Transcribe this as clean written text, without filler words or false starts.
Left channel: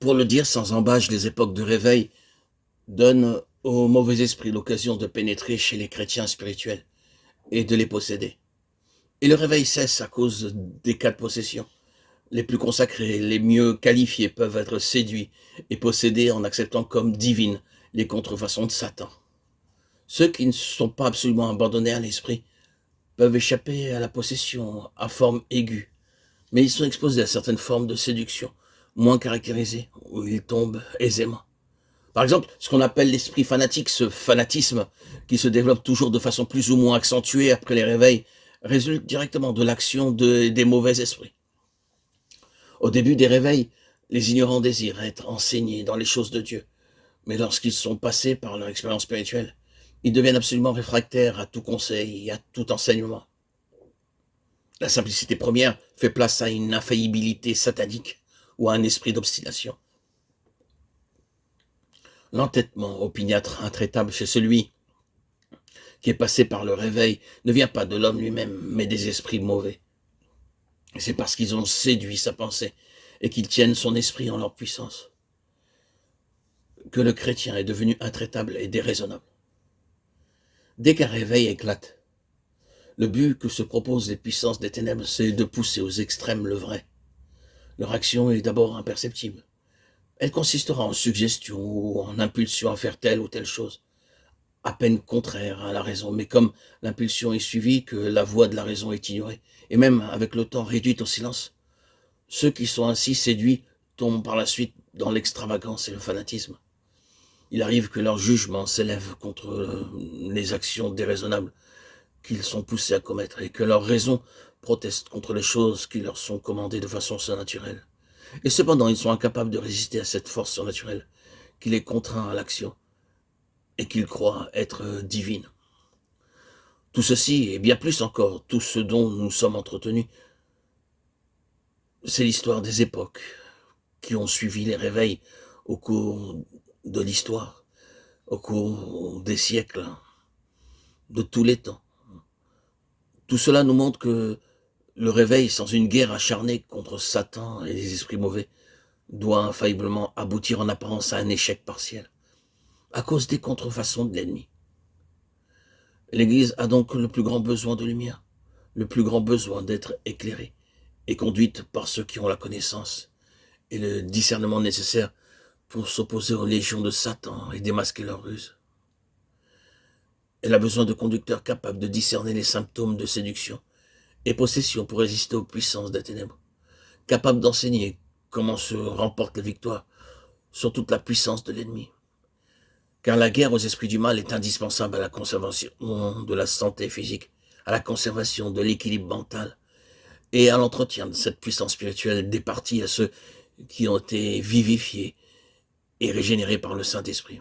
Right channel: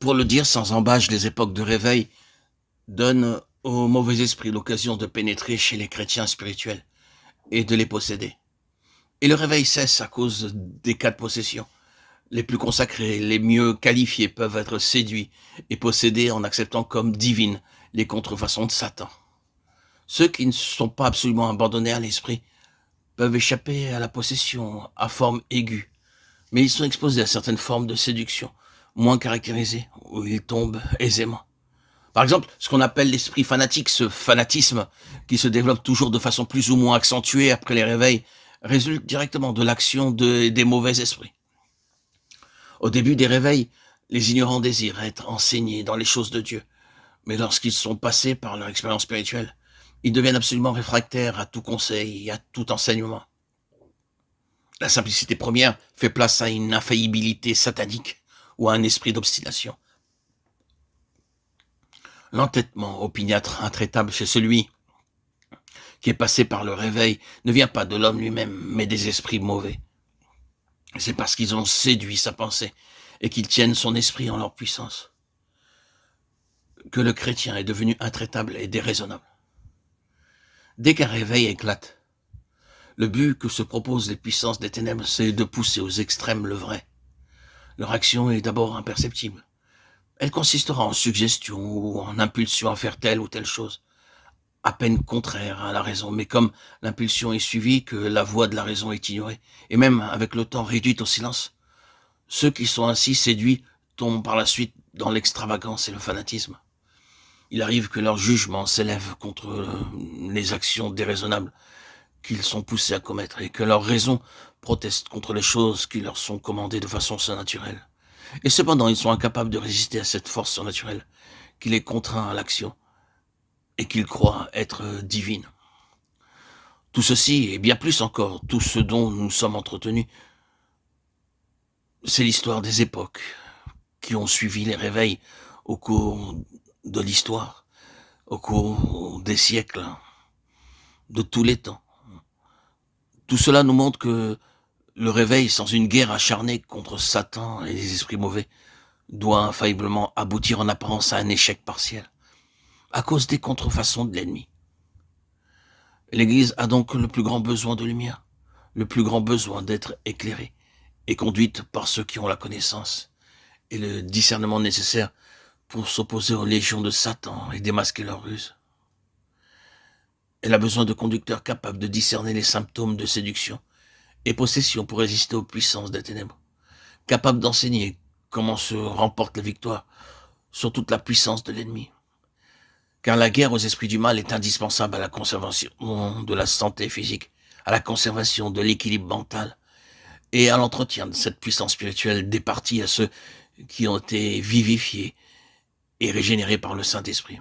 Pour le dire sans embâche, les époques de réveil donnent au mauvais esprit l'occasion de pénétrer chez les chrétiens spirituels et de les posséder. Et le réveil cesse à cause des cas de possession. Les plus consacrés, les mieux qualifiés peuvent être séduits et possédés en acceptant comme divines les contrefaçons de Satan. Ceux qui ne sont pas absolument abandonnés à l'esprit peuvent échapper à la possession à forme aiguë, mais ils sont exposés à certaines formes de séduction moins caractérisées, où ils tombent aisément. Par exemple, ce qu'on appelle l'esprit fanatique, ce fanatisme qui se développe toujours de façon plus ou moins accentuée après les réveils, résulte directement de l'action des mauvais esprits. Au début des réveils, les ignorants désirent être enseignés dans les choses de Dieu, mais lorsqu'ils sont passés par leur expérience spirituelle, ils deviennent absolument réfractaires à tout conseil et à tout enseignement. La simplicité première fait place à une infaillibilité satanique ou à un esprit d'obstination. L'entêtement opiniâtre intraitable chez celui qui est passé par le réveil ne vient pas de l'homme lui-même, mais des esprits mauvais. C'est parce qu'ils ont séduit sa pensée et qu'ils tiennent son esprit en leur puissance que le chrétien est devenu intraitable et déraisonnable. Dès qu'un réveil éclate, le but que se proposent les puissances des ténèbres, c'est de pousser aux extrêmes le vrai. Leur action est d'abord imperceptible. Elle consistera en suggestions ou en impulsions à faire telle ou telle chose, à peine contraire à la raison, mais comme l'impulsion est suivie, que la voix de la raison est ignorée, et même avec le temps réduite au silence, ceux qui sont ainsi séduits tombent par la suite dans l'extravagance et le fanatisme. Il arrive que leur jugement s'élève contre les actions déraisonnables qu'ils sont poussés à commettre et que leur raison proteste contre les choses qui leur sont commandées de façon surnaturelle. Et cependant, ils sont incapables de résister à cette force surnaturelle qui les contraint à l'action et qu'ils croient être divine. Tout ceci, et bien plus encore, tout ce dont nous sommes entretenus, c'est l'histoire des époques qui ont suivi les réveils au cours de l'histoire, au cours des siècles, de tous les temps. Tout cela nous montre que le réveil, sans une guerre acharnée contre Satan et les esprits mauvais, doit infailliblement aboutir en apparence à un échec partiel, à cause des contrefaçons de l'ennemi. L'Église a donc le plus grand besoin de lumière, le plus grand besoin d'être éclairée et conduite par ceux qui ont la connaissance et le discernement nécessaire pour s'opposer aux légions de Satan et démasquer leurs ruses. Elle a besoin de conducteurs capables de discerner les symptômes de séduction et possession pour résister aux puissances des ténèbres, capables d'enseigner comment se remporte la victoire sur toute la puissance de l'ennemi. Car la guerre aux esprits du mal est indispensable à la conservation de la santé physique, à la conservation de l'équilibre mental et à l'entretien de cette puissance spirituelle départie à ceux qui ont été vivifiés et régénérés par le Saint-Esprit.